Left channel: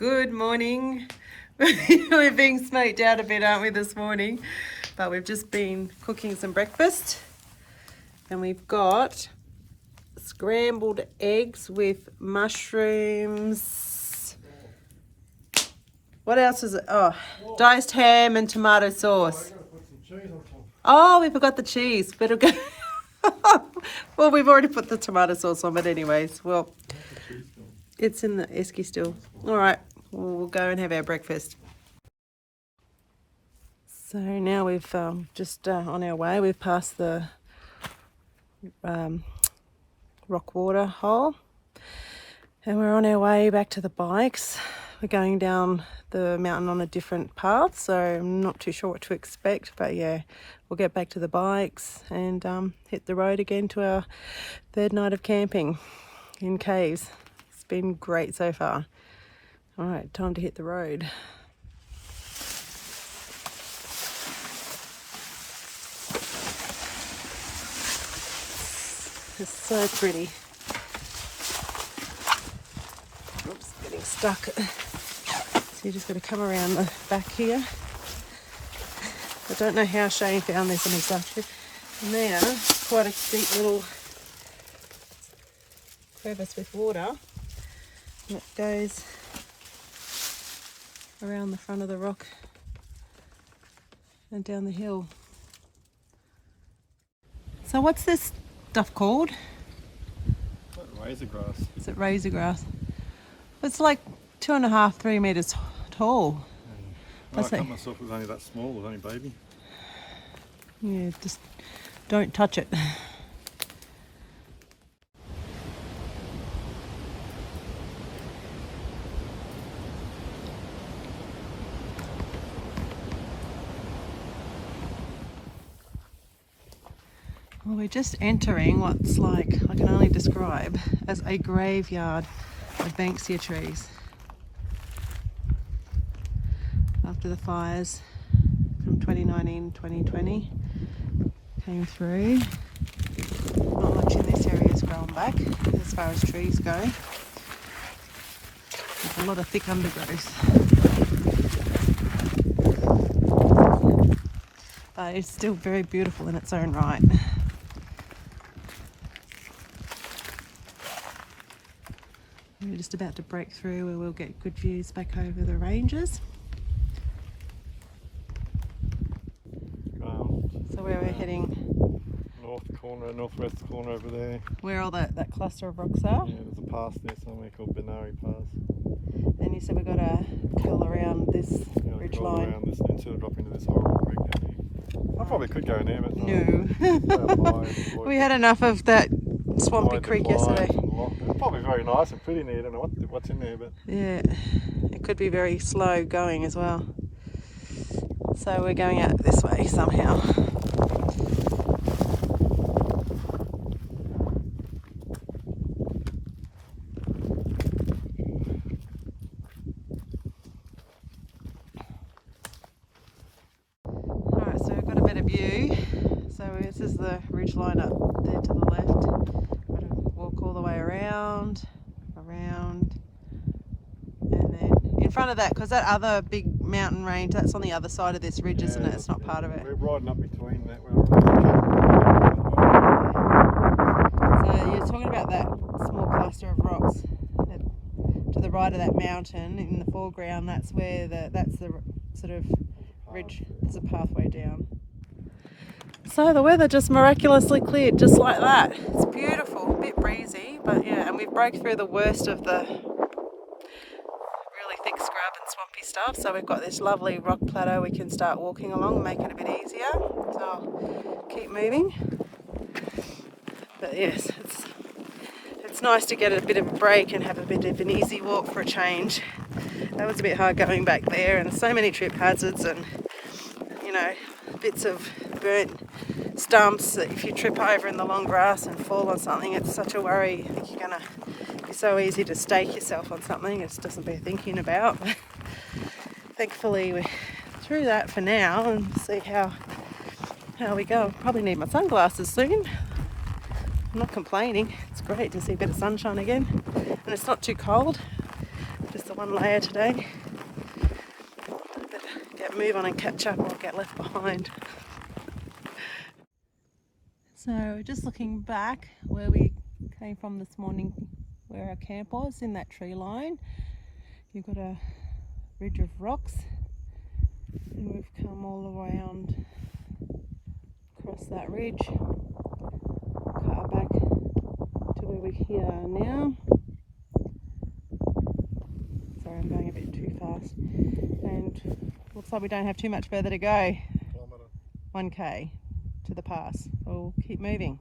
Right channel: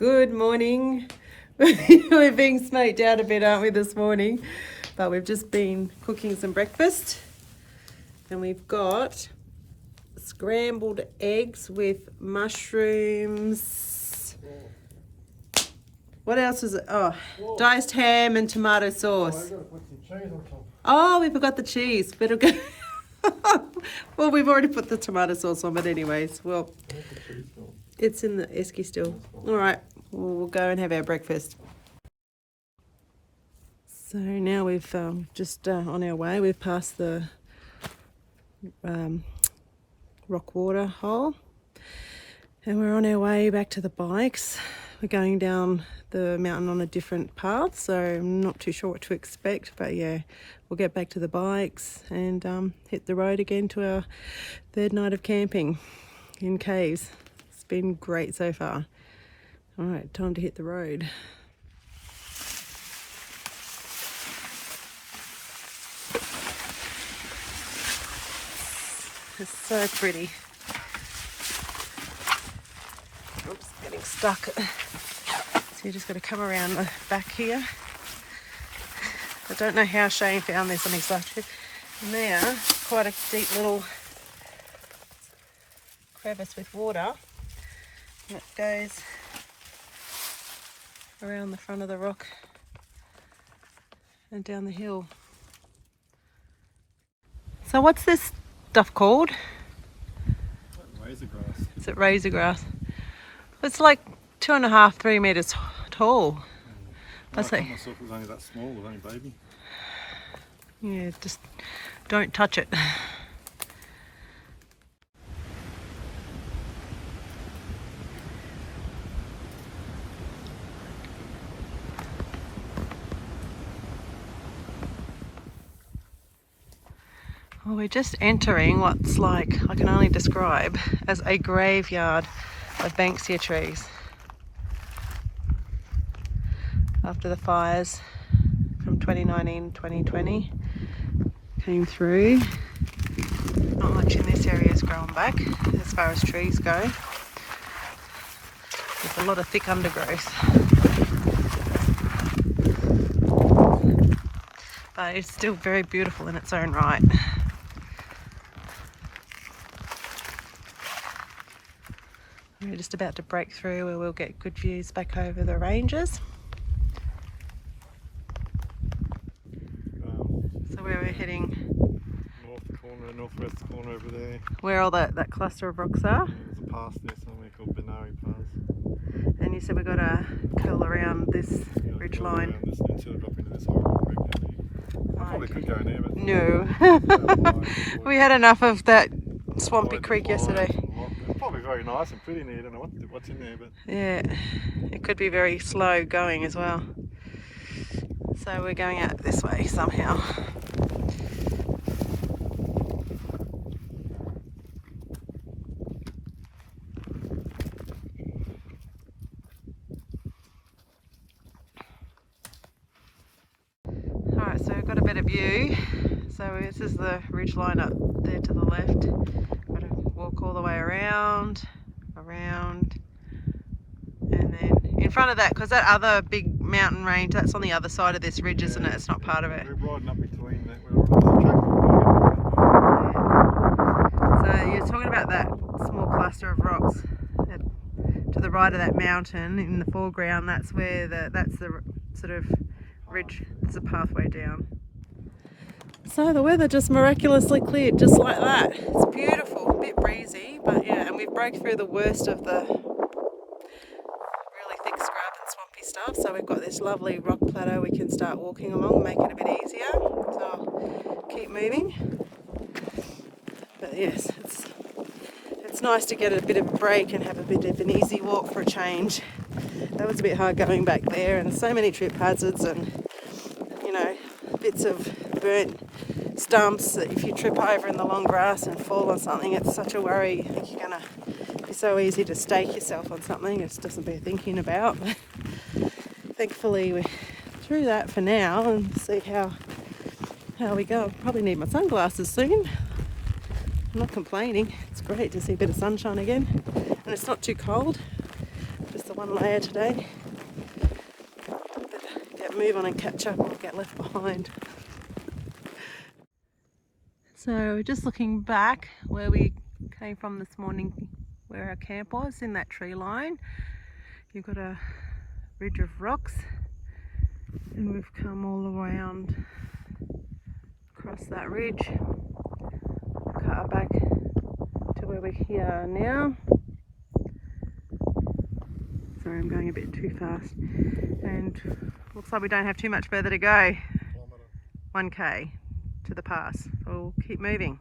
Good morning. We're being smoked out a bit, aren't we, this morning? But we've just been cooking some breakfast. And we've got scrambled eggs with mushrooms. What else is it? Oh, diced ham and tomato sauce. Oh, we forgot the cheese. Better go. Well, we've already put the tomato sauce on, but anyways, well, it's in the esky still. All right, we'll go and have our breakfast. So now we've just on our way. We've passed the rock water hole, and we're on our way back to the bikes. We're going down the mountain on a different path, so I'm not too sure what to expect, but yeah, we'll get back to the bikes and hit the road again to our third night of camping in caves. It's been great so far. All right, time to hit the road. It's so pretty. Oops, getting stuck. So you just got to come around the back here. I don't know how Shane found this on his last trip. And now, quite a deep little crevice with water. And it goes around the front of the rock and down the hill. So what's this stuff called? Razor grass. Is it razor grass? It's like 2.5, 3 meters tall. I thought myself it was only that small, it was only baby. Yeah, just don't touch it. Well, we're just entering what's like, I can only describe as a graveyard of Banksia trees. After the fires from 2019, 2020 came through, not much in this area has grown back as far as trees go. There's a lot of thick undergrowth. But it's still very beautiful in its own right. We're just about to break through where we'll get good views back over the ranges. So where we're heading? Northwest corner over there. Where all that cluster of rocks are? Yeah, there's a pass there somewhere called Benari Pass. And you said we've got to curl around this ridge line. Instead of dropping into this horrible creek down here. I probably could go in there, but... No. We had enough of that swampy creek yesterday. It's probably very nice and pretty in there. I don't know what's in there, but... Yeah, it could be very slow going as well. So we're going out this way somehow. Alright, so we've got a better view. So this is the ridge line up there to the left. Got to walk all the way around, and then in front of that, because that other big mountain range, that's on the other side of this ridge, isn't it? It's not part of it. We're riding up between that. So you're talking about that small cluster of rocks to the right of that mountain in the foreground. That's where that's the sort of ridge. It's a pathway down. So the weather just miraculously cleared just like that. It's beautiful, a bit breezy, but yeah, and we've broke through the worst of the really thick scrub and swampy stuff. So we've got this lovely rock plateau we can start walking along and make it a bit easier. So I'll keep moving. But yes, it's nice to get a bit of a break and have a bit of an easy walk for a change. That was a bit hard going back there, and so many trip hazards and, you know, bits of burnt stumps that if you trip over in the long grass and fall on something, it's such a worry. You think you're going to be so easy to stake yourself on something. It doesn't bear thinking about. But thankfully we're through that for now, and see how we go. I'll probably need my sunglasses soon. I'm not complaining. It's great to see a bit of sunshine again, and it's not too cold. Just the one layer today. Get move on and catch up or get left behind. So just looking back where we came from this morning, where our camp was, in that tree line, you've got a ridge of rocks, and we've come all around across that ridge, cut back to where we are now. Sorry, I'm going a bit too fast, and looks like we don't have too much further to go. 1k to the pass. We'll keep moving.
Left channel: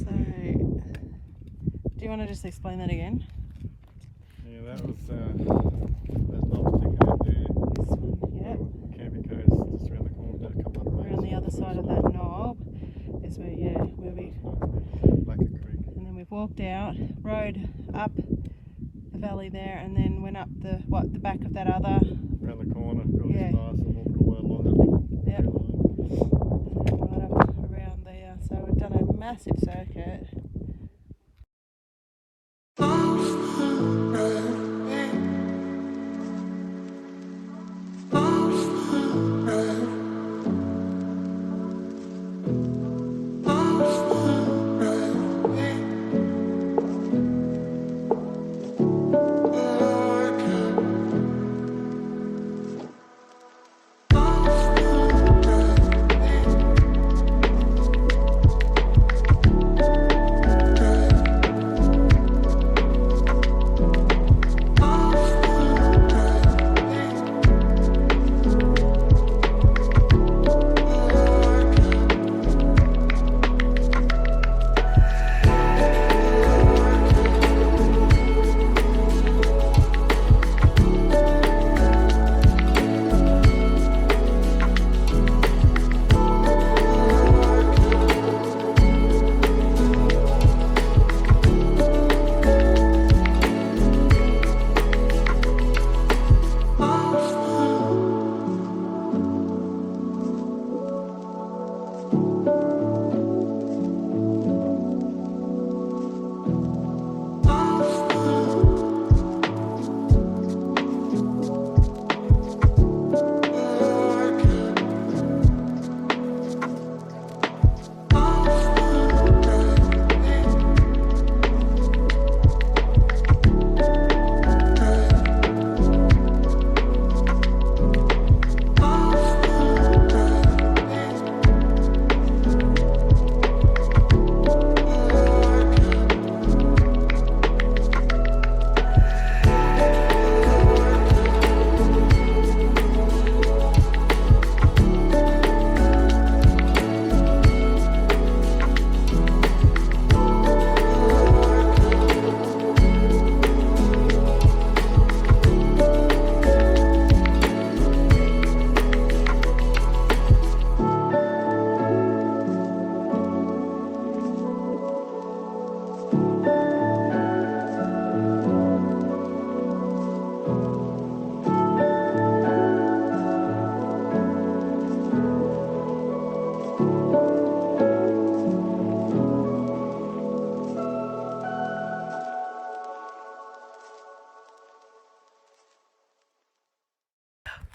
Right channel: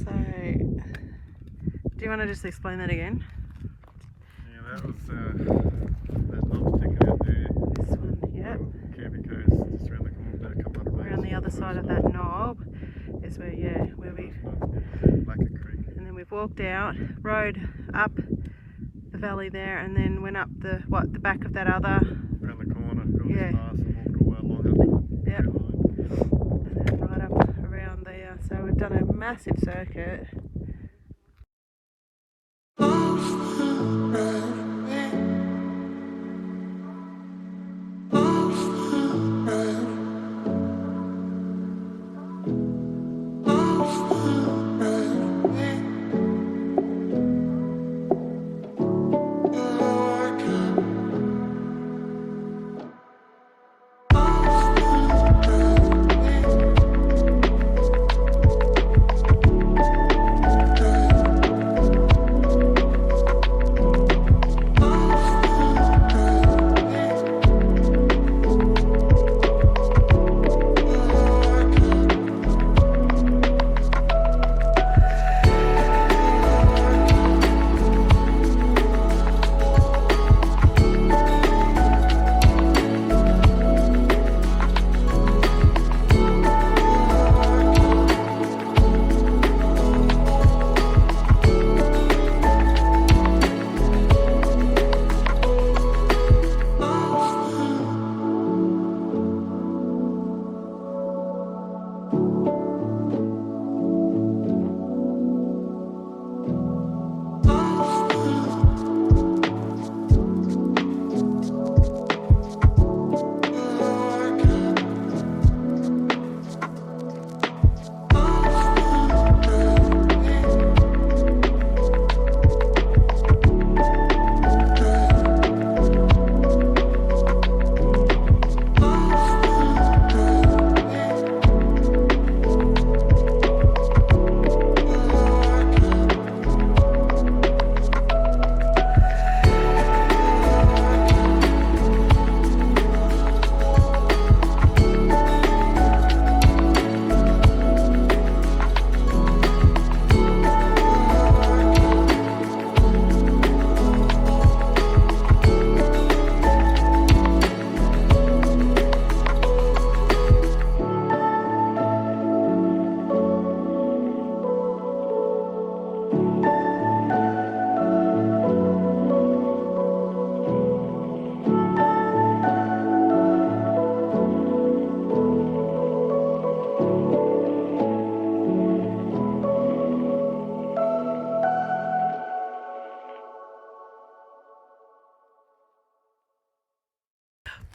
So, do you want to just explain that again? Yeah, that was that knob sticking out there. This one, yep. Camping goes just around the corner, about a couple hundred metres. Around the other side of that knob is where, yeah, where we. Like a creek. And then we've walked out, rode up the valley there, and then went up the back of that other. Around the corner, got Yeah. this pass and walked all along up. Yep. And then right up around there. So we've done a massive circuit.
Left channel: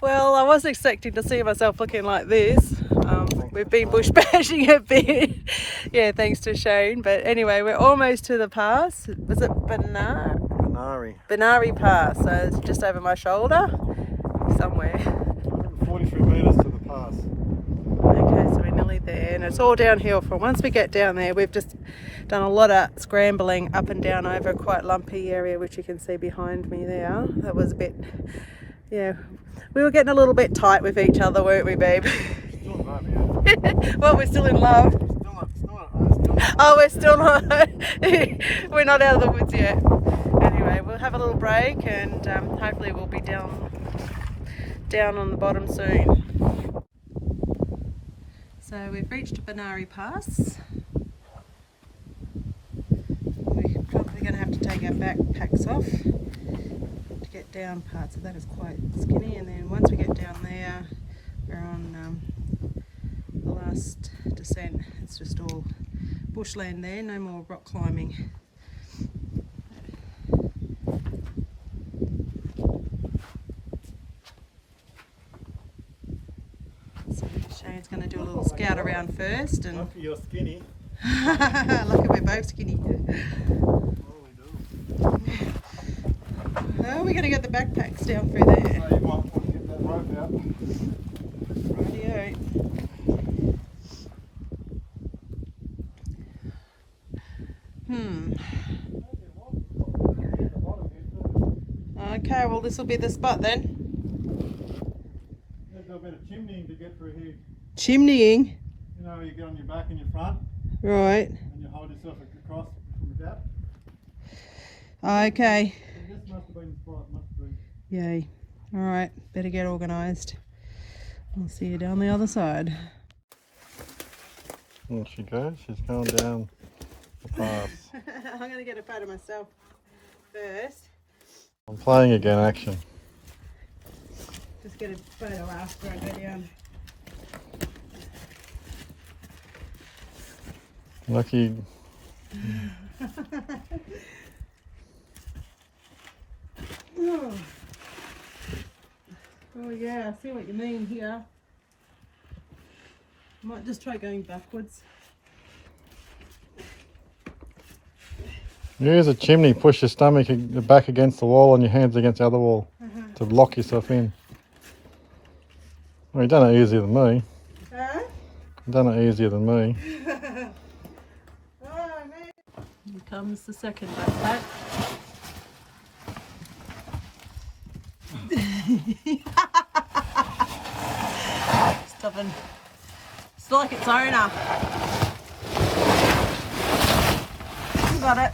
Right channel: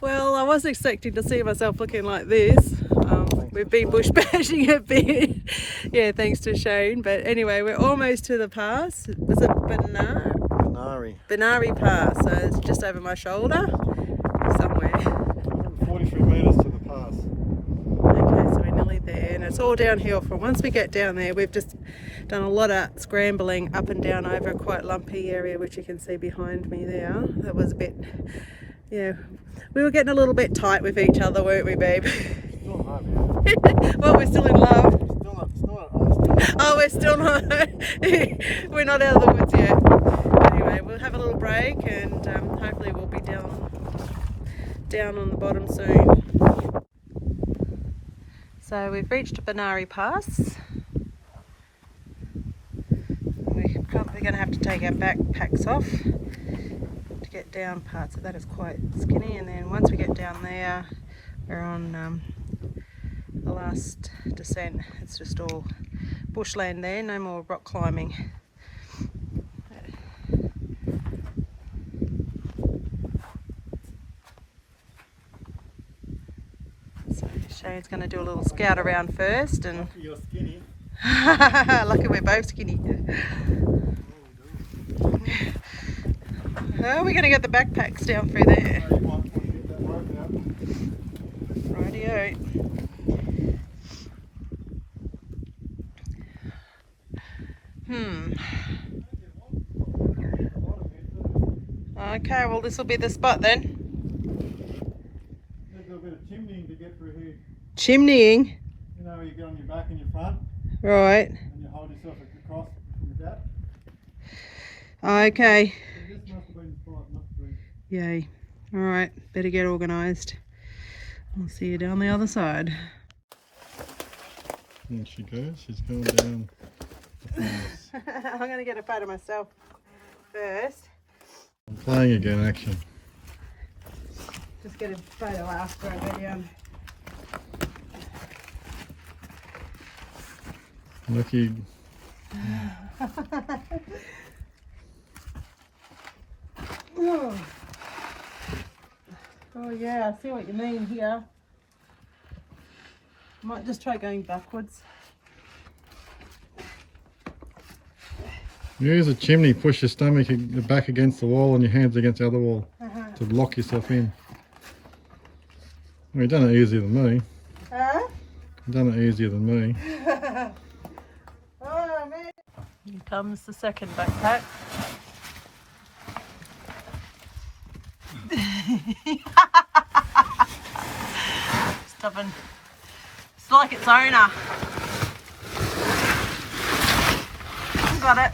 Well, I wasn't expecting to see myself looking like this. We've been bush bashing a bit. Yeah, thanks to Shane. But anyway, we're almost to the pass. Was it Benari Pass? So it's just over my shoulder somewhere. 43 metres to the pass. Okay, so we're nearly there, and it's all downhill from once we get down there. We've just done a lot of scrambling up and down over a quite lumpy area, which you can see behind me there. That was a bit, yeah, we were getting a little bit tight with each other, weren't we, babe? Still in love, yeah. Well, we're still in love. Oh, we're still not. We're not out of the woods yet. Anyway, we'll have a little break, and hopefully we'll be down on the bottom soon. So we've reached Benari Pass. We're probably going to have to take our backpacks off to get down parts of that. Is quite skinny, and then once we get down there, we're on the last descent. It's just all bushland there, no more rock climbing. he's going to do a little scout around first. And Lucky you're skinny. lucky we're both skinny. Oh, we're going to get the backpacks down through there. So you might want to get that rope out. Rightio. Okay, well this will be the spot then. There's a bit of chimneying to get through here. Chimneying? You know, you get on your back and your front. Right. And you hold yourself across from the gap. Okay. So this must have been the spot, must have been. Yay. Alright, better get organised. I'll see you down the other side. There she goes, she's going down the pass. I'm going to get a photo myself first. I'm playing again, action. Just get a photo after I go down. Lucky. Oh yeah, I see what you mean here. Might just try going backwards. Use a chimney, push your stomach back against the wall and your hands against the other wall to lock yourself in. Well, you've done it easier than me. Huh? You've done it easier than me. Oh man. Here comes the second backpack. Stubborn. It's like its owner. Got it.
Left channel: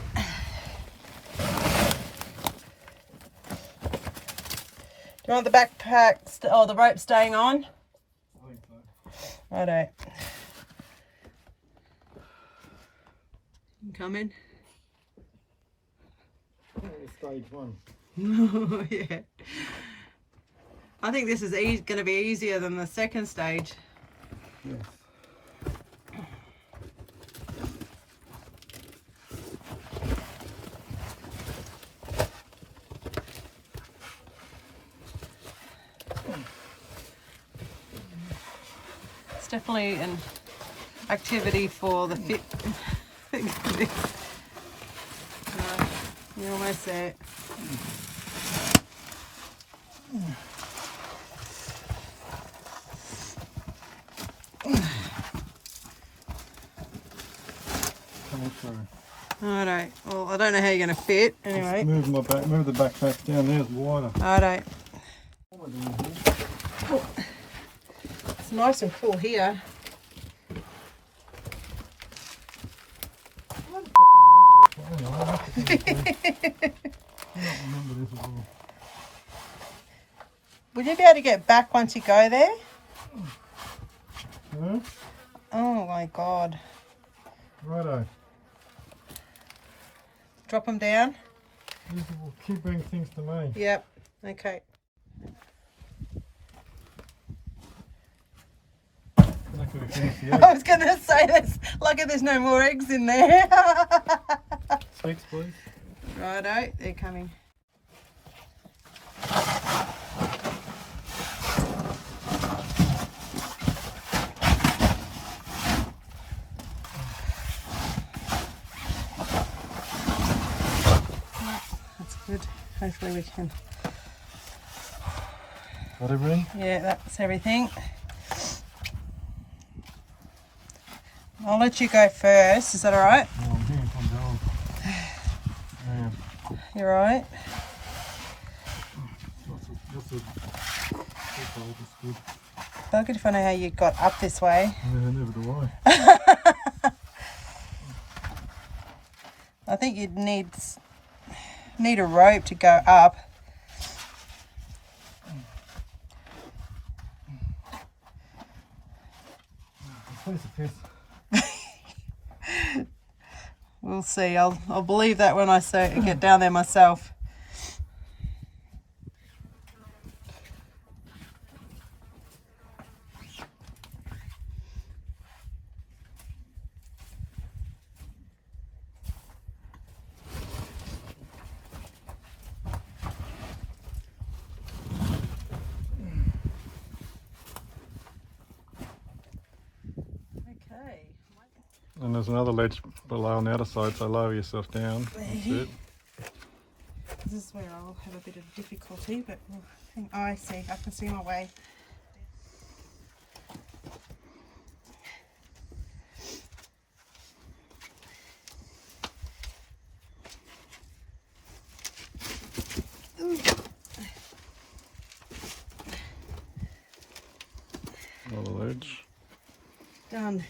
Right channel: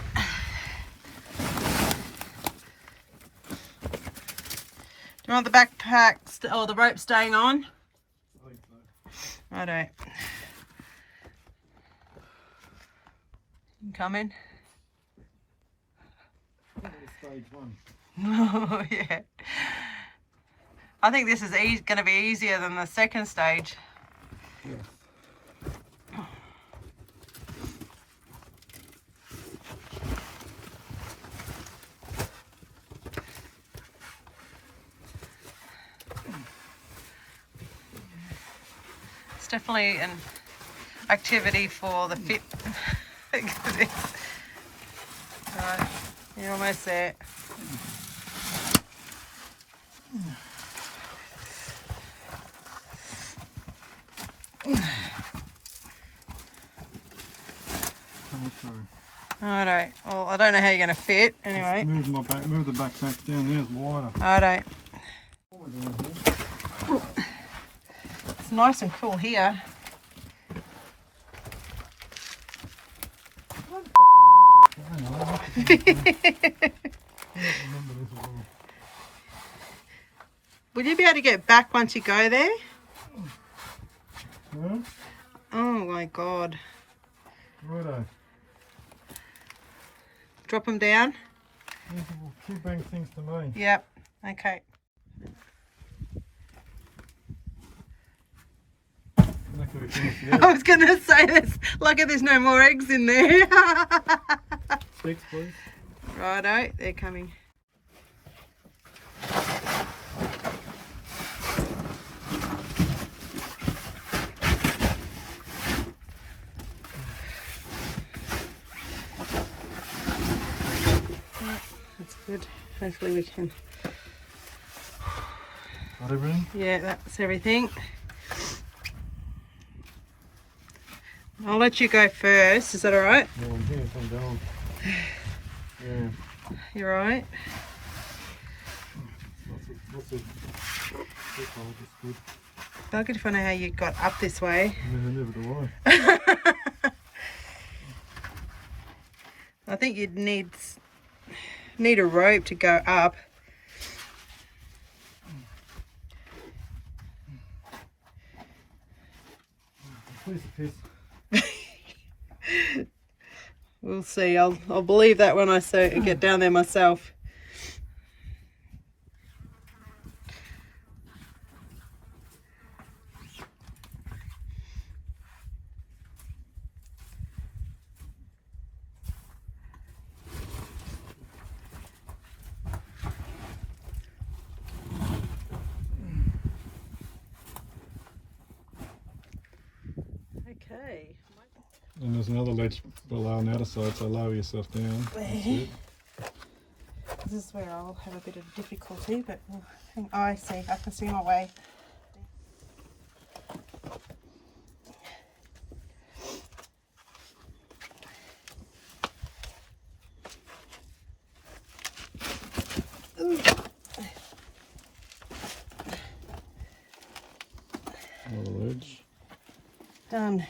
Do you want the backpack or the rope staying on? I think so. Righto. You coming? That was stage one. Oh yeah. I think this is going to be easier than the second stage. Yes. It's definitely an activity for the fit. Alright, you're almost there. Coming through. Alright, well I don't know how you're going to fit anyway. Move the backpack down there, it's wider. Alright. It's nice and cool here. Will you be able to get back once you go there? Yeah? Oh my god. Righto. Drop them down? These will keep bringing things to me. Yep. Okay. I was going to say this. Lucky there's no more eggs in there. 6, please. Righto, they're coming. That's good. Hopefully we can. Got everything? Yeah, that's everything. I'll let you go first. Is that all right? No, I'm here. I'm down. Yeah. You're all right? That's good. Buggered if I know how you got up this way. Yeah, never do I. I think you'd need a rope to go up. Piece of piss. We'll see. I'll believe that when I get down there myself. And there's another ledge below on the other side, so lower yourself down. That's it. This is where I'll have a bit of difficulty, but I see, I can see my way. Another ledge. Done.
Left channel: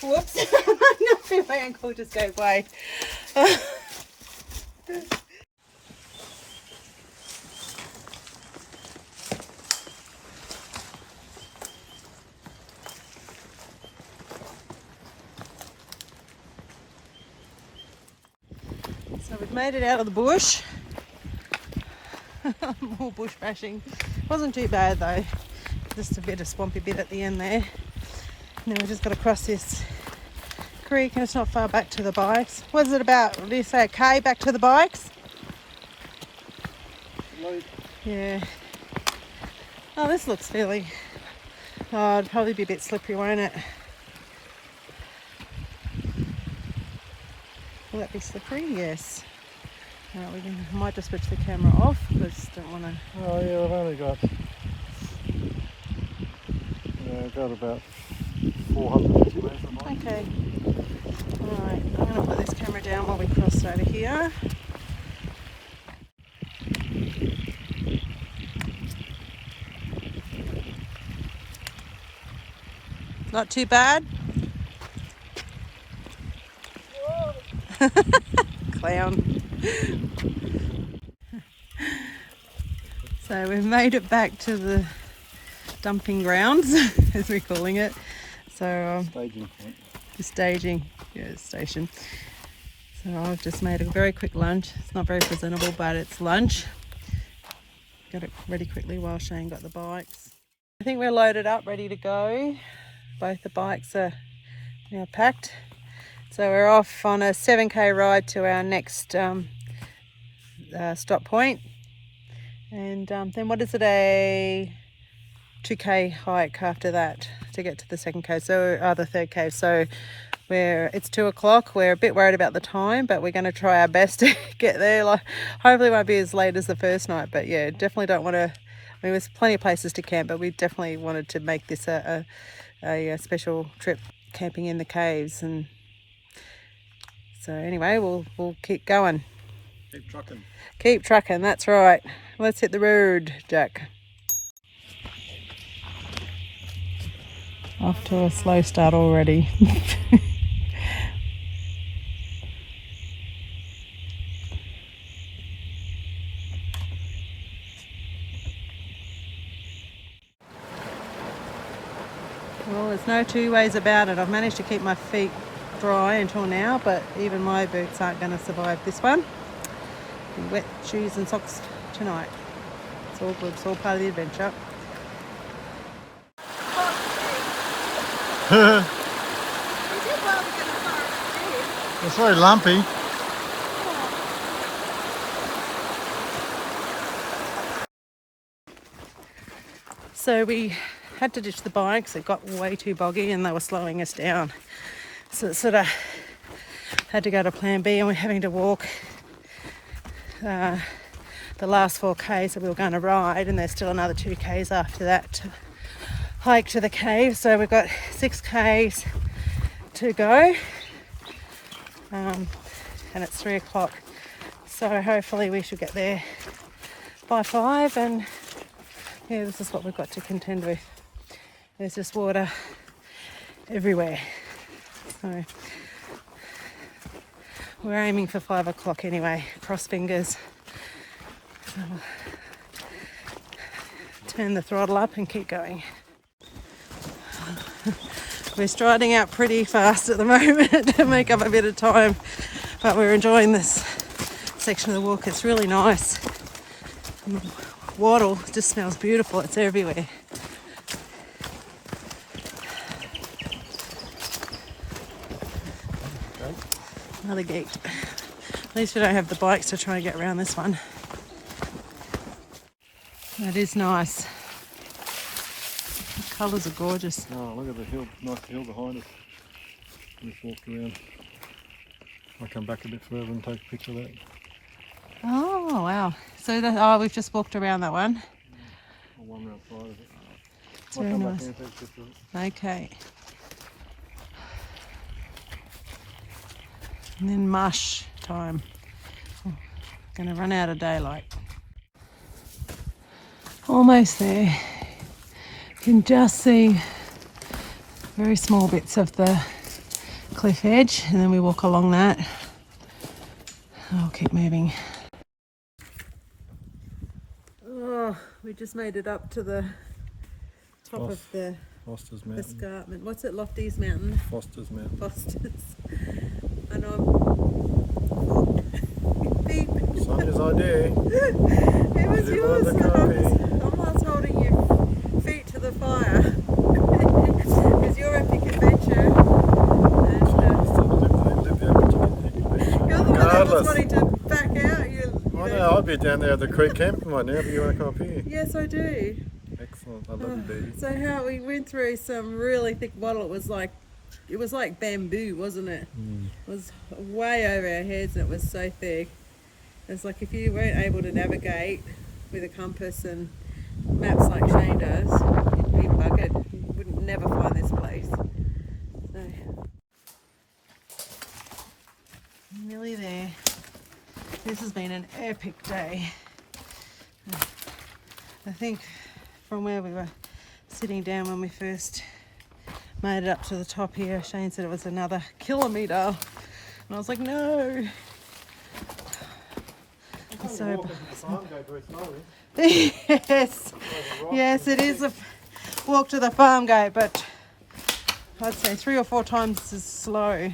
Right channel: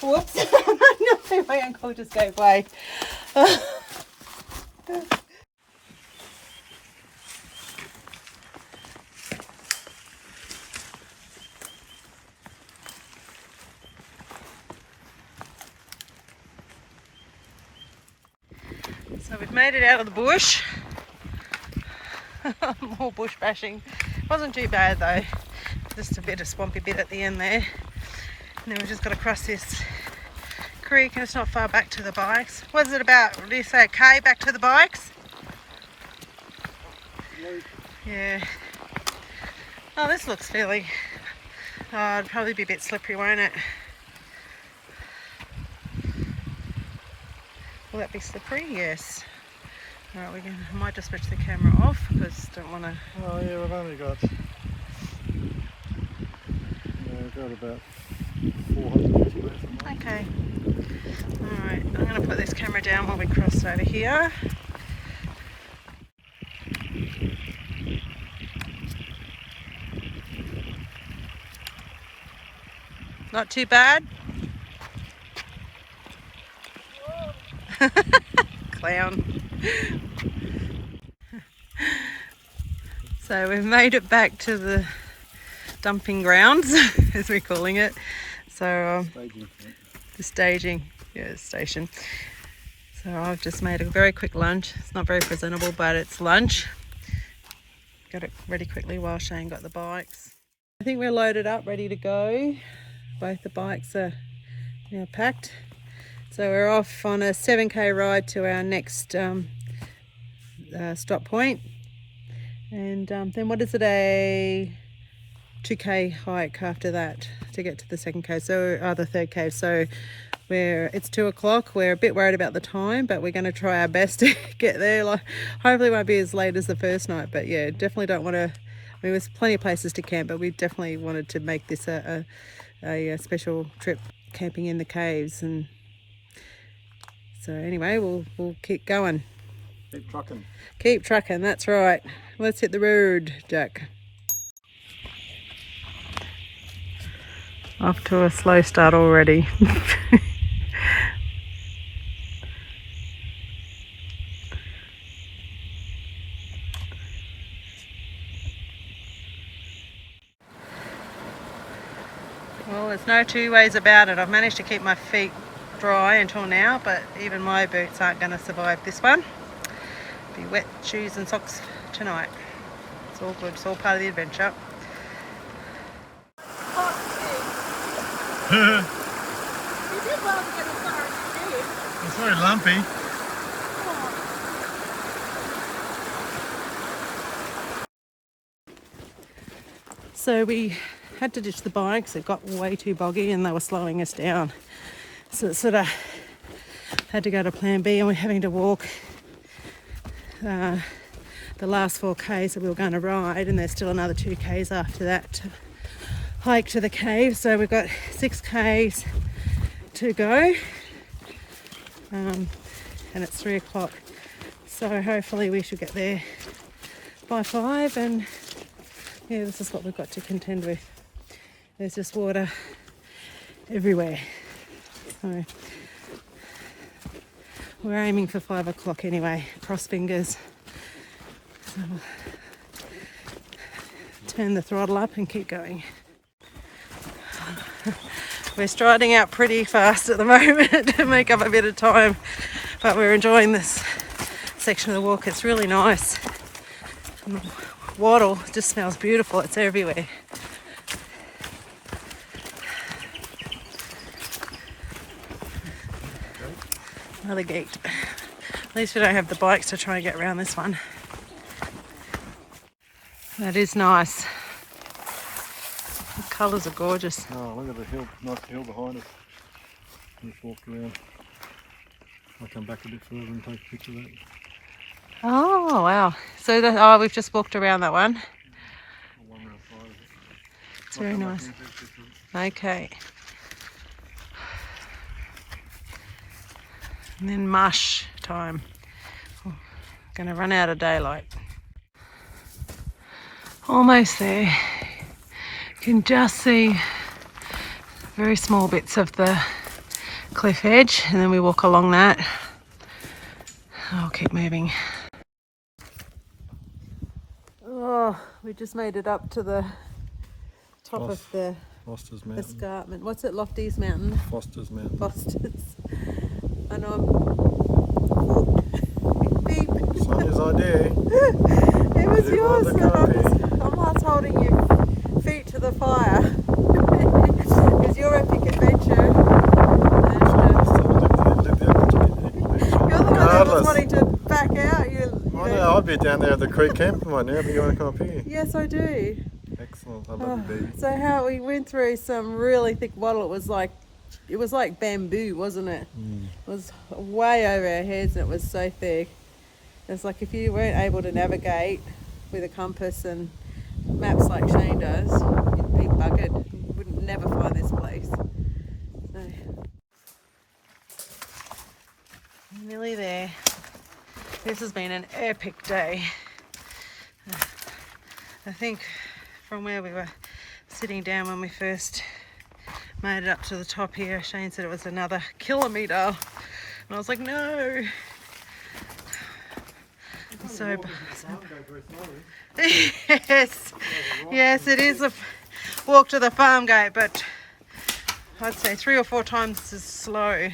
Whoops. No, my ankle just gave way. So we've made it out of the bush. More bush bashing. Wasn't too bad though. Just a bit of swampy bit at the end there. And then we've just got to cross this creek, and it's not far back to the bikes. What is it about? What do you say, a K back to the bikes? Yeah. Oh, this looks fairly... Oh, it'd probably be a bit slippery, won't it? Will that be slippery? Yes. Alright, I might just switch the camera off because I don't want to... Oh yeah, I've only got... Yeah, I've got about 450 metres of mine. Okay. Alright, I'm going to put this camera down while we cross over here. Not too bad. Clown. So we've made it back to the dumping grounds, as we're calling it. So Staging. the staging, yeah, station. So I've just made a very quick lunch. It's not very presentable, but it's lunch. Got it ready quickly while Shane got the bikes. I think we're loaded up, ready to go. Both the bikes are now packed. So we're off on a 7k ride to our next stop point. And then what is it, a 2k hike after that to get to the second cave, so the third cave. So it's 2 o'clock. We're a bit worried about the time, but we're going to try our best to get there. Like, hopefully it won't be as late as the first night, but yeah, definitely don't want to. I mean, there's plenty of places to camp, but we definitely wanted to make this a special trip, camping in the caves. And so anyway, we'll keep going. Keep trucking. Keep trucking. That's right. Let's hit the road, Jack. Off to a slow start already. Well, there's no two ways about it. I've managed to keep my feet dry until now, but even my boots aren't going to survive this one. Be wet shoes and socks tonight. It's all good. It's all part of the adventure. It's very lumpy. So we had to ditch the bikes. It got way too boggy and they were slowing us down. So it sort of had to go to plan B, and we're having to walk the last 4k's that we were going to ride, and there's still another 2k's after that to hike to the cave. So we've got 6k's to go, and it's 3 o'clock. So hopefully we should get there by 5, and yeah, this is what we've got to contend with. There's just water everywhere. So we're aiming for 5 o'clock anyway, cross fingers. So we'll turn the throttle up and keep going. We're striding out pretty fast at the moment to make up a bit of time, but we're enjoying this section of the walk. It's really nice. And the wattle just smells beautiful. It's everywhere. Another gate. At least we don't have the bikes to try and get around this one. That is nice. The colours are gorgeous. Oh, look at the hill, nice hill behind us. Just walked around. I'll come back a bit further and take a picture of that. Oh, wow. So oh, we've just walked around that one. One round side of it. It's very nice. Take a picture of it. Okay. And then mush time. Oh, gonna run out of daylight. Almost there. You can just see very small bits of the cliff edge, and then we walk along that. I'll keep moving. Oh, we just made it up to the top of the Foster's Mountain. escarpment. What's it? Lofty's Mountain? Foster's Mountain. Foster's. I know. Beep. Sonia's idea. It was Do you yours. want the copy? I'm not holding your feet to the fire. It's your epic adventure. You're the one that was wanting to back out. I know, I'd be down there at the creek camping right now, but you want to come up here? Yes, I do. Excellent, I love you, baby. So how we went through some really thick wattle. It was like bamboo, wasn't it? It was way over our heads, and it was so thick. It's like if you weren't able to navigate with a compass and maps like Shane does, you'd be buggered. You wouldn't never find this place. So, nearly there. This has been an epic day. I think from where we were sitting down when we first made it up to the top here, Shane said it was another kilometre. And I was like, no. So, yes, it is a walk to the farm gate, but I'd say 3 or 4 times as slow.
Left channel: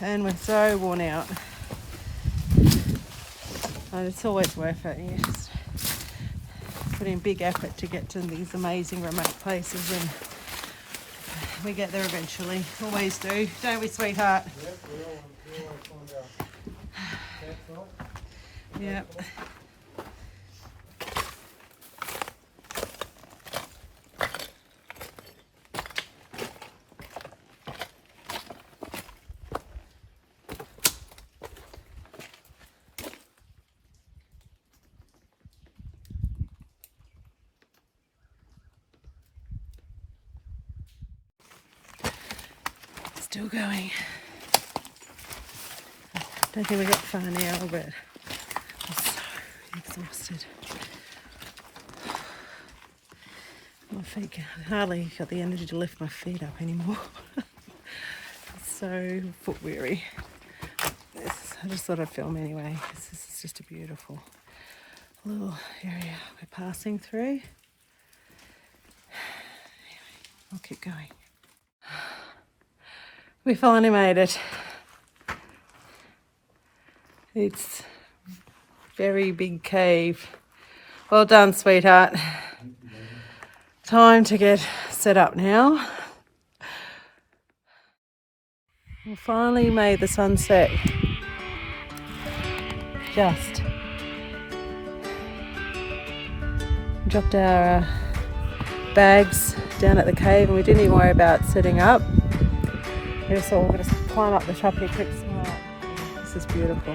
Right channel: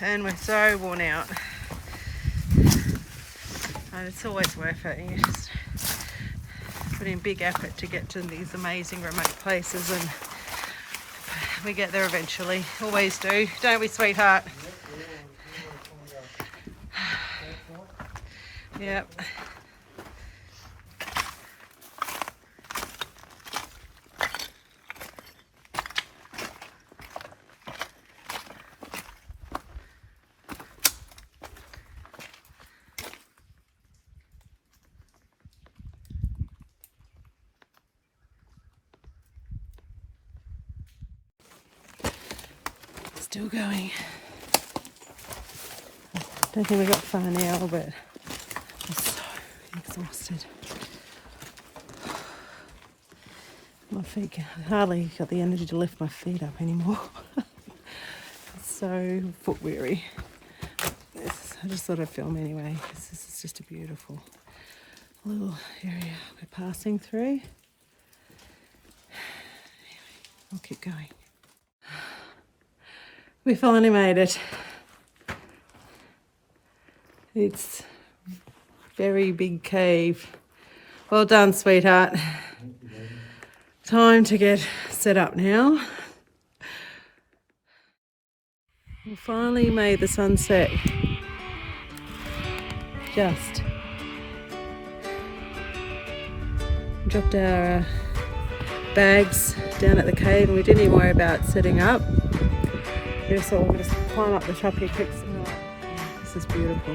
And we're so worn out. And it's always worth it. You just put in big effort to get to these amazing remote places, and we get there eventually. Always do, don't we, sweetheart? Yep. Still going. Don't think we got far now, but I'm so exhausted. My feet, I hardly got the energy to lift my feet up anymore. It's so foot weary. I just thought I'd film anyway, because this is just a beautiful little area we're passing through. Anyway, I'll keep going. We finally made it. It's a very big cave. Well done, sweetheart. Time to get set up now. We finally made the sunset. Just dropped our bags down at the cave, and we didn't even worry about setting up. We just thought we're going to climb up the top here quick. This is beautiful.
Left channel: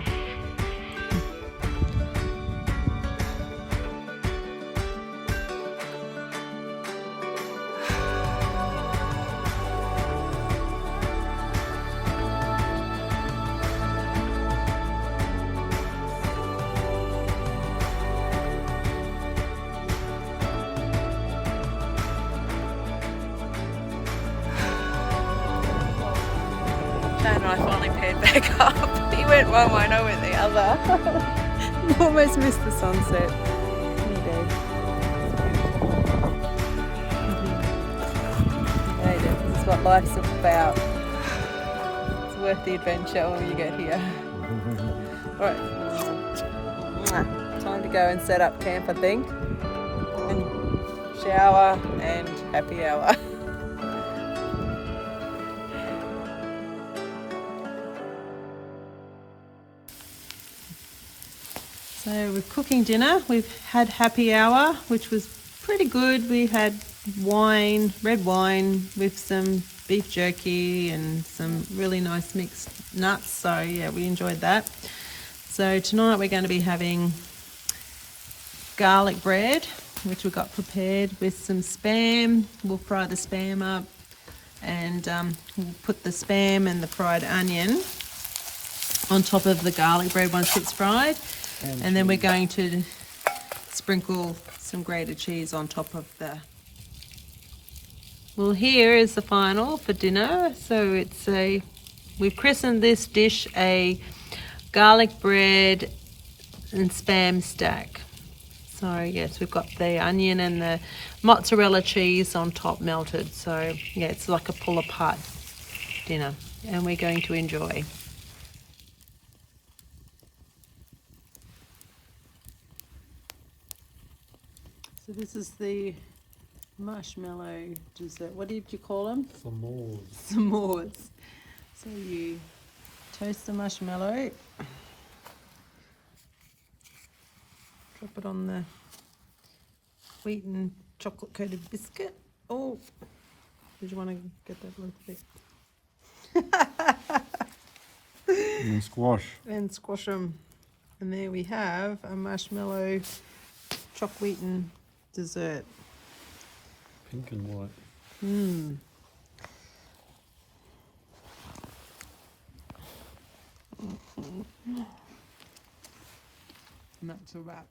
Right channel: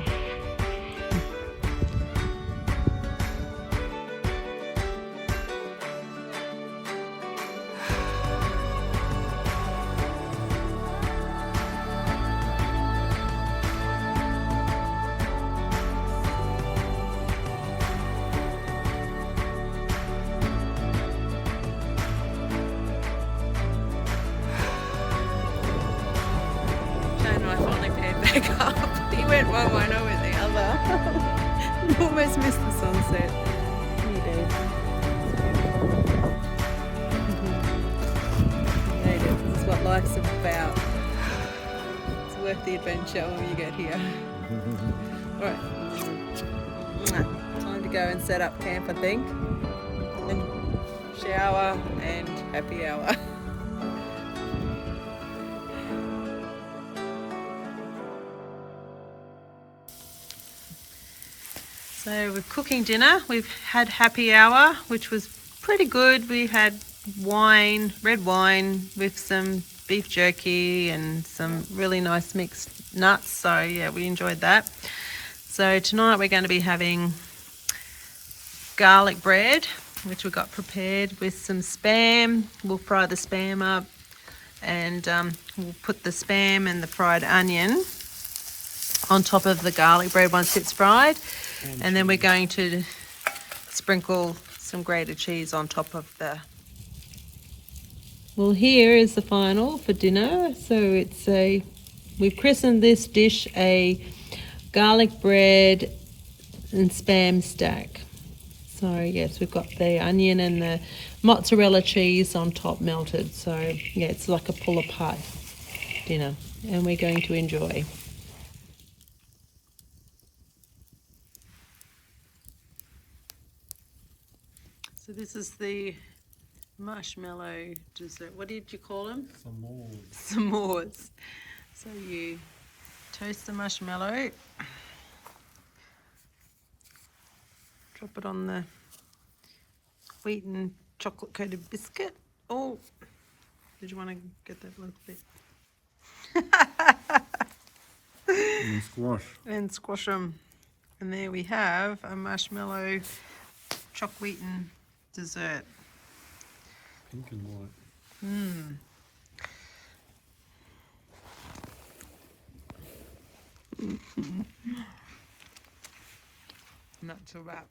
Shane and I finally paired back up. He went one way and I went the other. Almost missed the sunset. He did. It's beautiful. We made it. This is what life's about. It's worth the adventure when you get here. Alright. Time to go and set up camp, I think. And shower and happy hour. So we're cooking dinner. We've had happy hour, which was pretty good. We had wine, red wine with some beef jerky and some really nice mixed nuts. So yeah, we enjoyed that. So tonight we're going to be having garlic bread, which we got prepared with some spam. We'll fry the spam up, and we'll put the spam and the fried onion on top of the garlic bread once it's fried, and then we're going to sprinkle some grated cheese on top of the... Well, here is the final for dinner. So it's we've christened this dish a garlic bread and spam stack. So yes, we've got the onion and the mozzarella cheese on top melted. So yeah, it's like a pull apart dinner, and we're going to enjoy. So this is the marshmallow dessert. What did you call them? S'mores. S'mores. So you toast the marshmallow, drop it on the wheat and chocolate coated biscuit. Oh, did you want to get that little bit? And squash. And squash them. And there we have a marshmallow chocolate wheaten dessert. Pink and white. Mmm. And that's a wrap.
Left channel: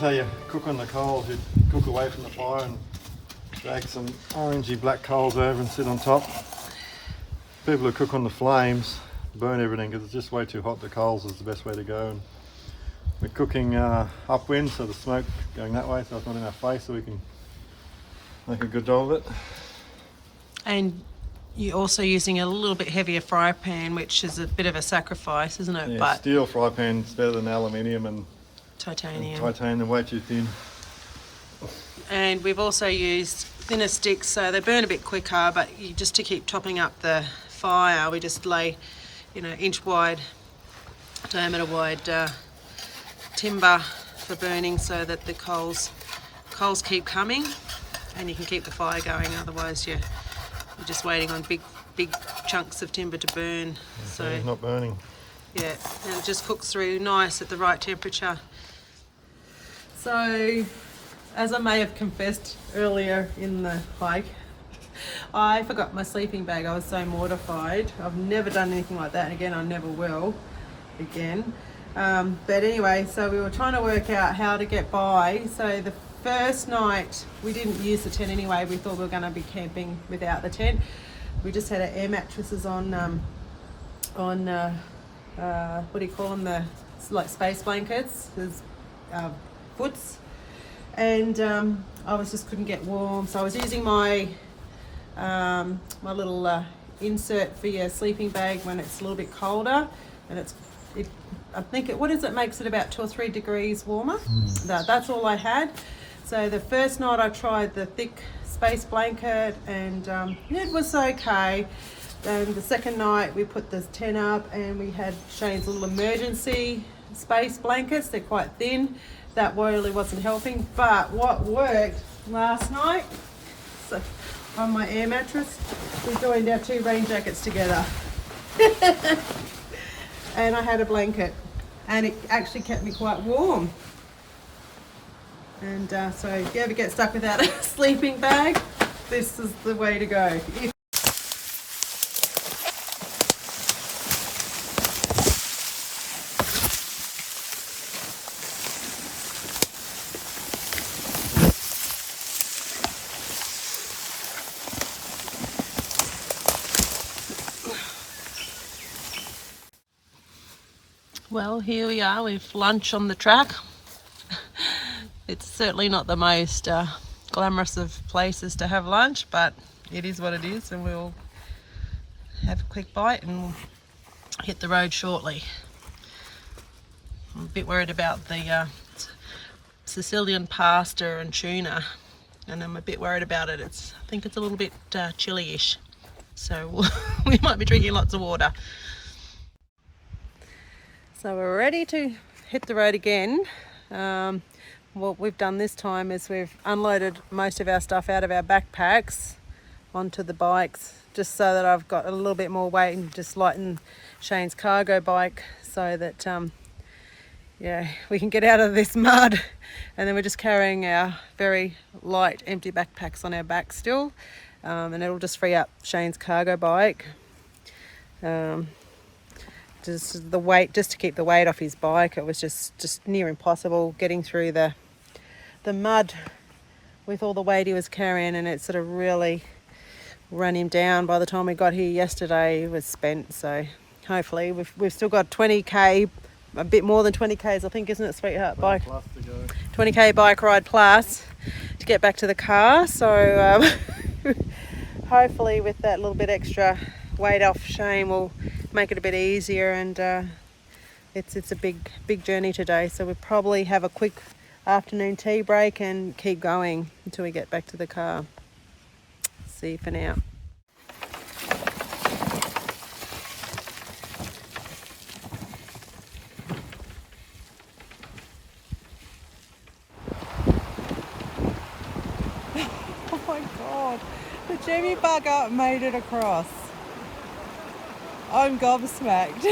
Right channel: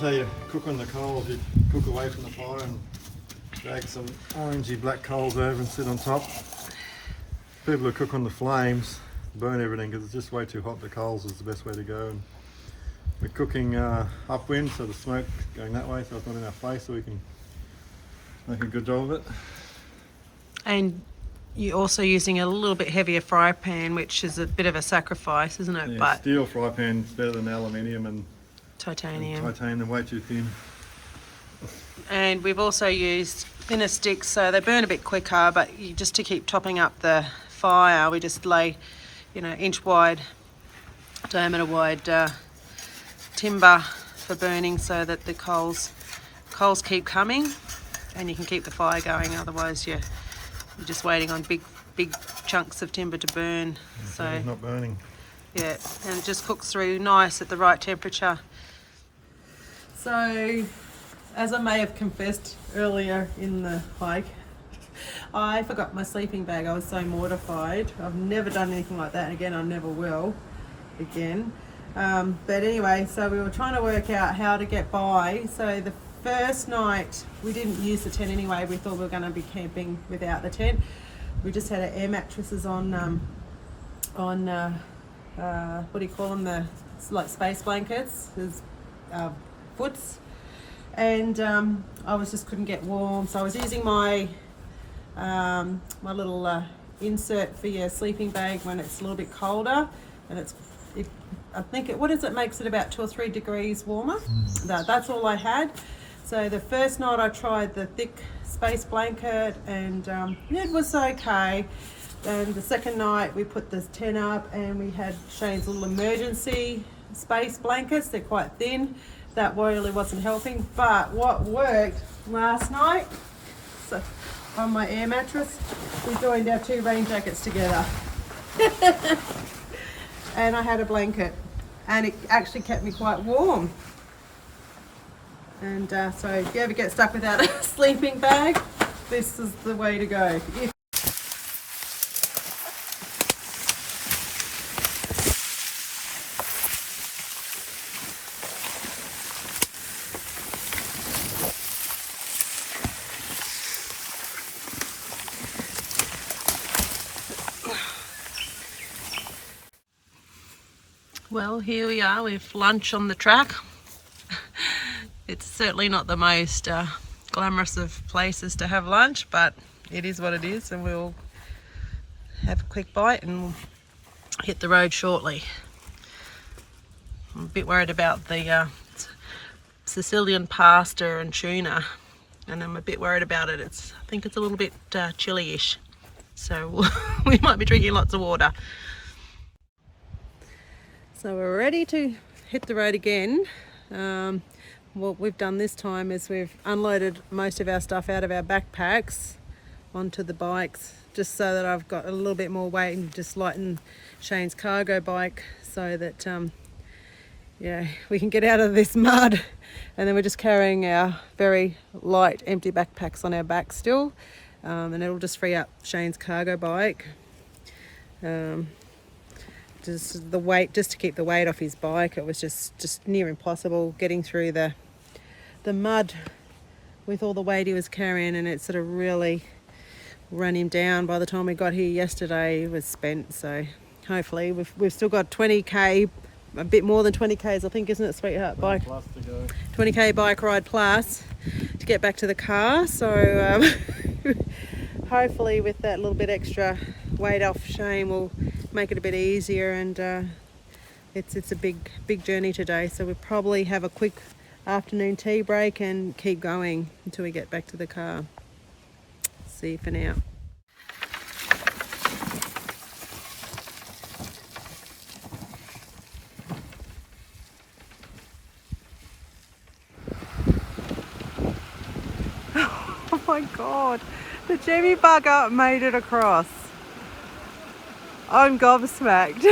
How you cook on the coals, you cook away from the fire and drag some orangey black coals over and sit on top. People who cook on the flames burn everything because it's just way too hot. The coals is the best way to go. And we're cooking upwind, so the smoke going that way, so it's not in our face, so we can make a good job of it. And you're also using a little bit heavier fry pan, which is a bit of a sacrifice, isn't it? Yeah, but steel fry pan's better than aluminium and titanium. Titanium, way too thin. And we've also used thinner sticks, so they burn a bit quicker, but just to keep topping up the fire, we just lay, inch wide, diameter wide timber for burning, so that the coals keep coming and you can keep the fire going. Otherwise you're just waiting on big chunks of timber to burn. So it's not burning. Yeah, and it just cooks through nice at the right temperature. So, as I may have confessed earlier in the hike, I forgot my sleeping bag. I was so mortified. I've never done anything like that, and again, I never will again. But anyway, so we were trying to work out how to get by. So the first night, we didn't use the tent anyway. We thought we were going to be camping without the tent. We just had our air mattresses on what do you call them? The like space blankets, there's foots, and I just couldn't get warm, so I was using my my little insert for your sleeping bag when it's a little bit colder, and I think what is it, makes it about 2 or 3 degrees warmer. That's all I had. So the first night I tried the thick space blanket, and it was okay. And the second night we put this tent up, and we had Shane's little emergency space blankets. They're quite thin. That really wasn't helping. But what worked last night, so on my air mattress, we joined our 2 rain jackets together. And I had a blanket, and it actually kept me quite warm. And so if you ever get stuck without a sleeping bag, this is the way to go. Well, here we are with lunch on the track. It's certainly not the most glamorous of places to have lunch, but it is what it is, and we'll have a quick bite and we'll hit the road shortly. I'm a bit worried about the Sicilian pasta and tuna, and I'm a bit worried about it. I think it's a little bit chilly-ish, so we might be drinking lots of water. So we're ready to hit the road again. What we've done this time is we've unloaded most of our stuff out of our backpacks onto the bikes, just so that I've got a little bit more weight, and just lighten Shane's cargo bike so that yeah, we can get out of this mud. And then we're just carrying our very light empty backpacks on our back still, and it'll just free up Shane's cargo bike. Just the weight, just to keep the weight off his bike, it was just near impossible getting through the mud with all the weight he was carrying, and it sort of really ran him down. By the time we got here yesterday, he was spent. So hopefully we've still got 20k, a bit more than 20k's, I think, isn't it, sweetheart? Bike plus to go. 20k bike ride plus to get back to the car. So hopefully with that little bit extra weight off Shane, we'll make it a bit easier. And it's a big journey today, so we'll probably have a quick afternoon tea break and keep going until we get back to the car. See you for now. Oh my god, the Jimmy bugger made it across. I'm gobsmacked.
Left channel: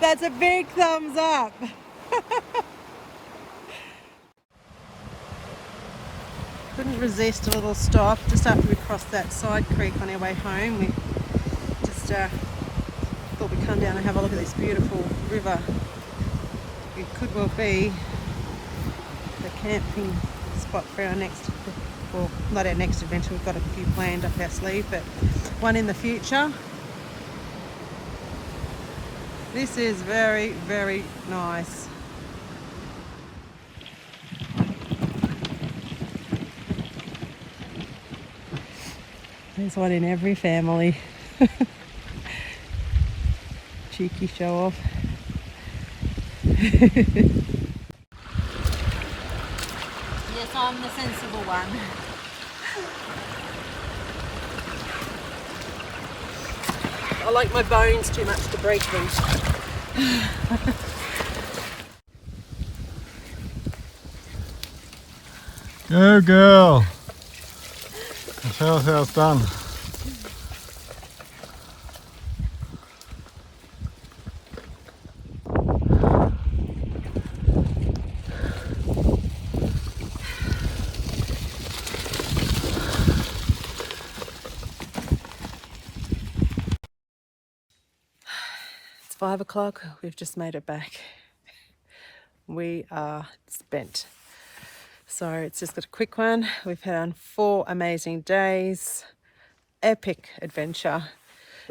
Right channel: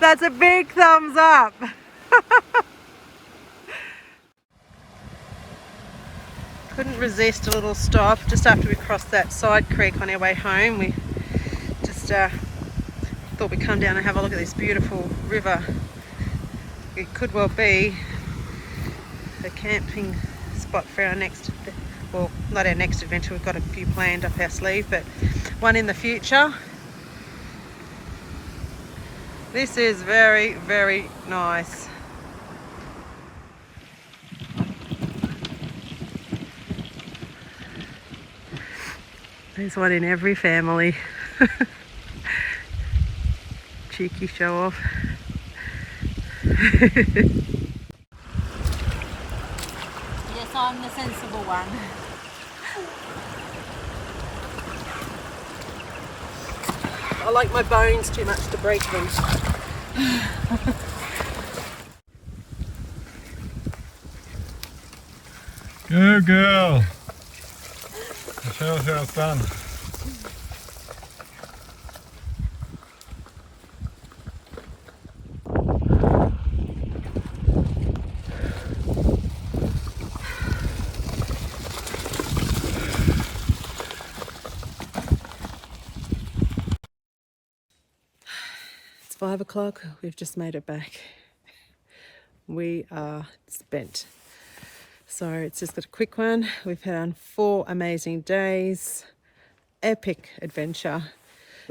That's a big thumbs up. Couldn't resist a little stop just after we crossed that side creek on our way home. We just thought we'd come down and have a look at this beautiful river. It could well be the camping spot for our next, well, not our next adventure, we've got a few planned up our sleeve, but one in the future. This is very, very nice. There's one in every family. Cheeky show off. Yes, I'm the sensible one. I like my bones too much to break them. Go girl. Tell us how it's done. It's 5 o'clock. We've just made it back. We are spent. So it's just got a quick one. We've had 4 amazing days. epic adventure.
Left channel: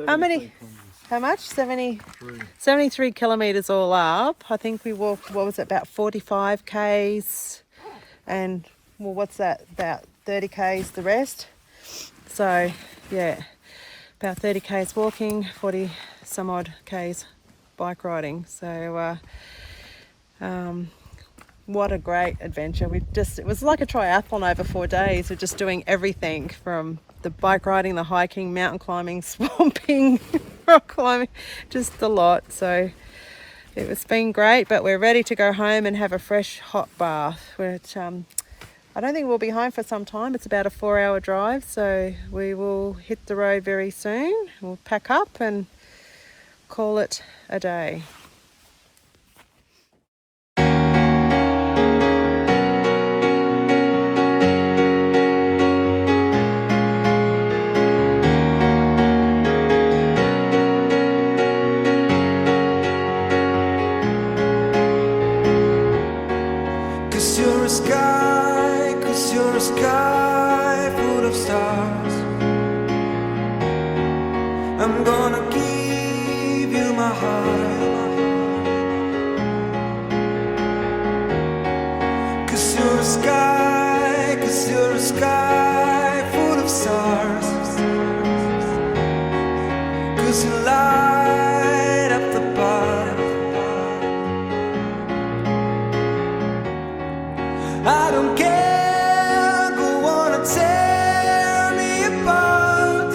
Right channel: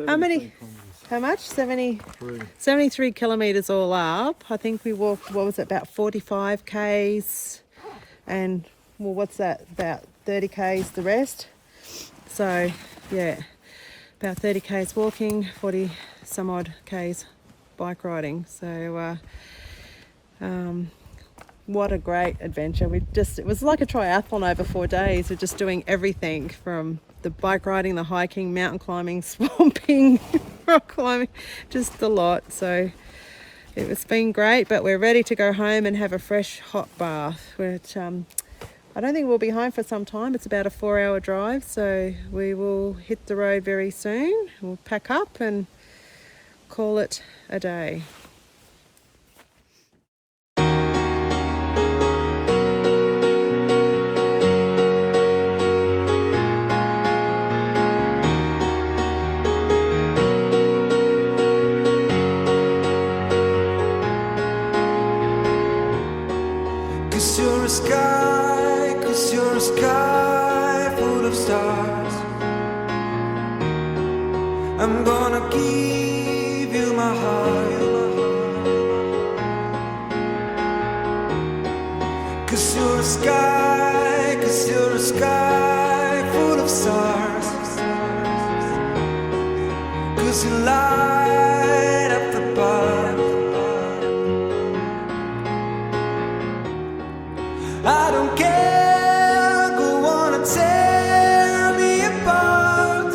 How many? How much? 73. 73 kilometres all up. I think we walked, what was it, about 45 k's, and well, what's that, about 30 k's the rest. So yeah, about 30 k's walking, 40 some odd k's bike riding. So what a great adventure. It was like a triathlon over 4 days. We're just doing everything from the bike riding, the hiking, mountain climbing, swamping, rock climbing, just a lot. So it's been great, but we're ready to go home and have a fresh hot bath, which I don't think we'll be home for some time. It's about a 4-hour drive, so we will hit the road very soon. We'll pack up and call it a day. Cause you're a sky full of stars. I'm gonna give you my heart. Cause you're a sky full of stars. Cause you light up the path. I don't care, go on and tear me apart.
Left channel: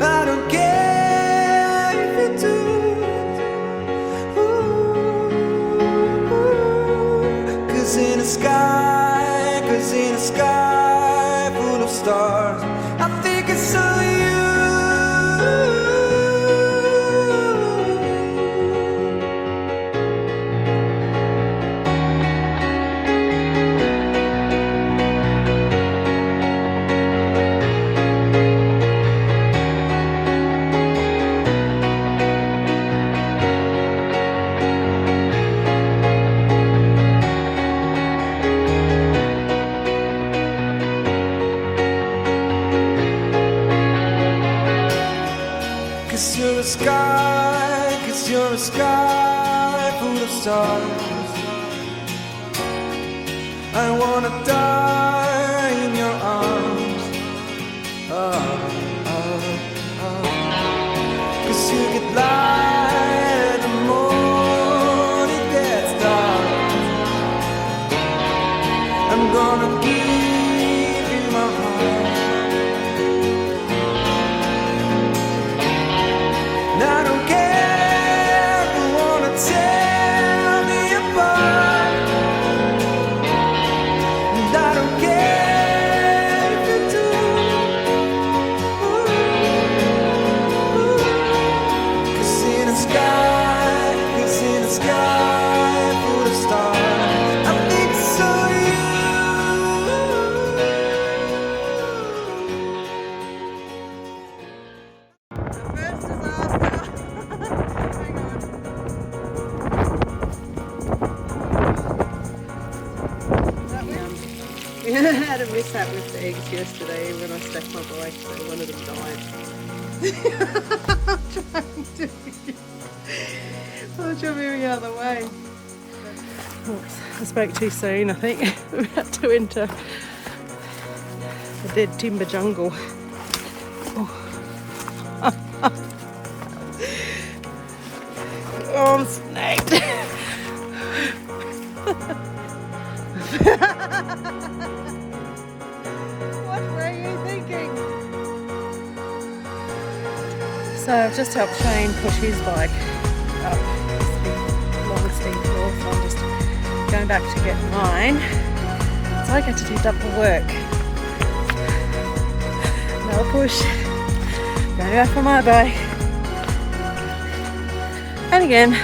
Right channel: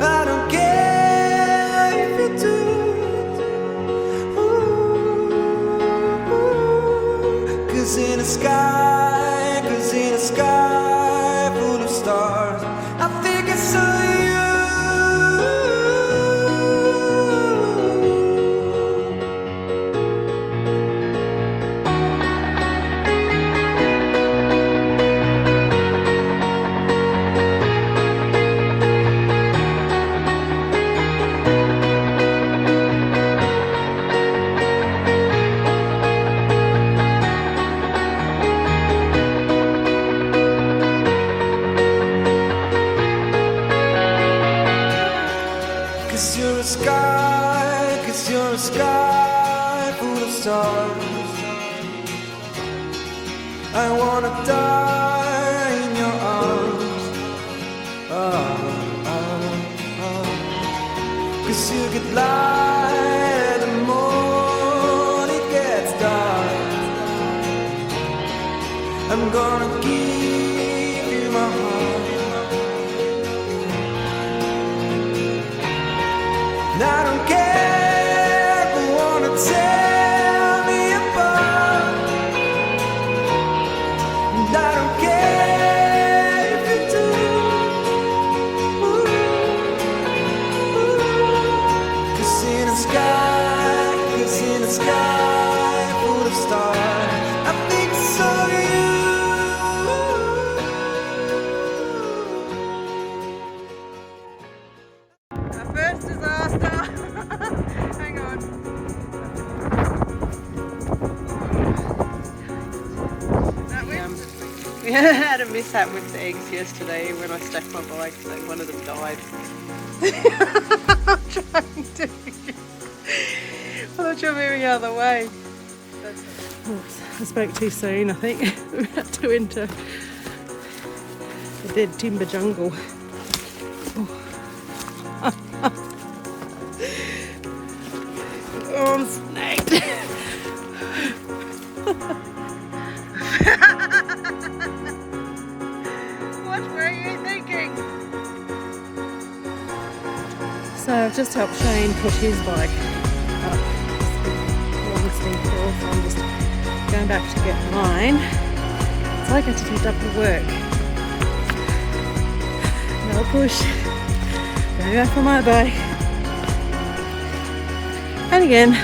I don't care if you do. Cause in the sky full of stars, I think it's so you. Cause you're a sky full of stars. I wanna die in your arms. Cause you get light the more it gets dark. I'm gonna give you my heart. And I don't care who wanna tear me apart. And I don't care if you do. Cause in the sky full of stars, I think so you. We had a mishap with the eggs yesterday when I stacked my bike, so one of them died. I'm trying to. I'm not sure moving out of the way. Oops, I spoke too soon, I think. We're about to enter the dead timber jungle. Oh, oh I'm snagged. What were you thinking? So I've just helped Shane push his bike up this long steep hill, so I'm just going back to get mine. So I get to do double work. Another push, going back for my bike, and again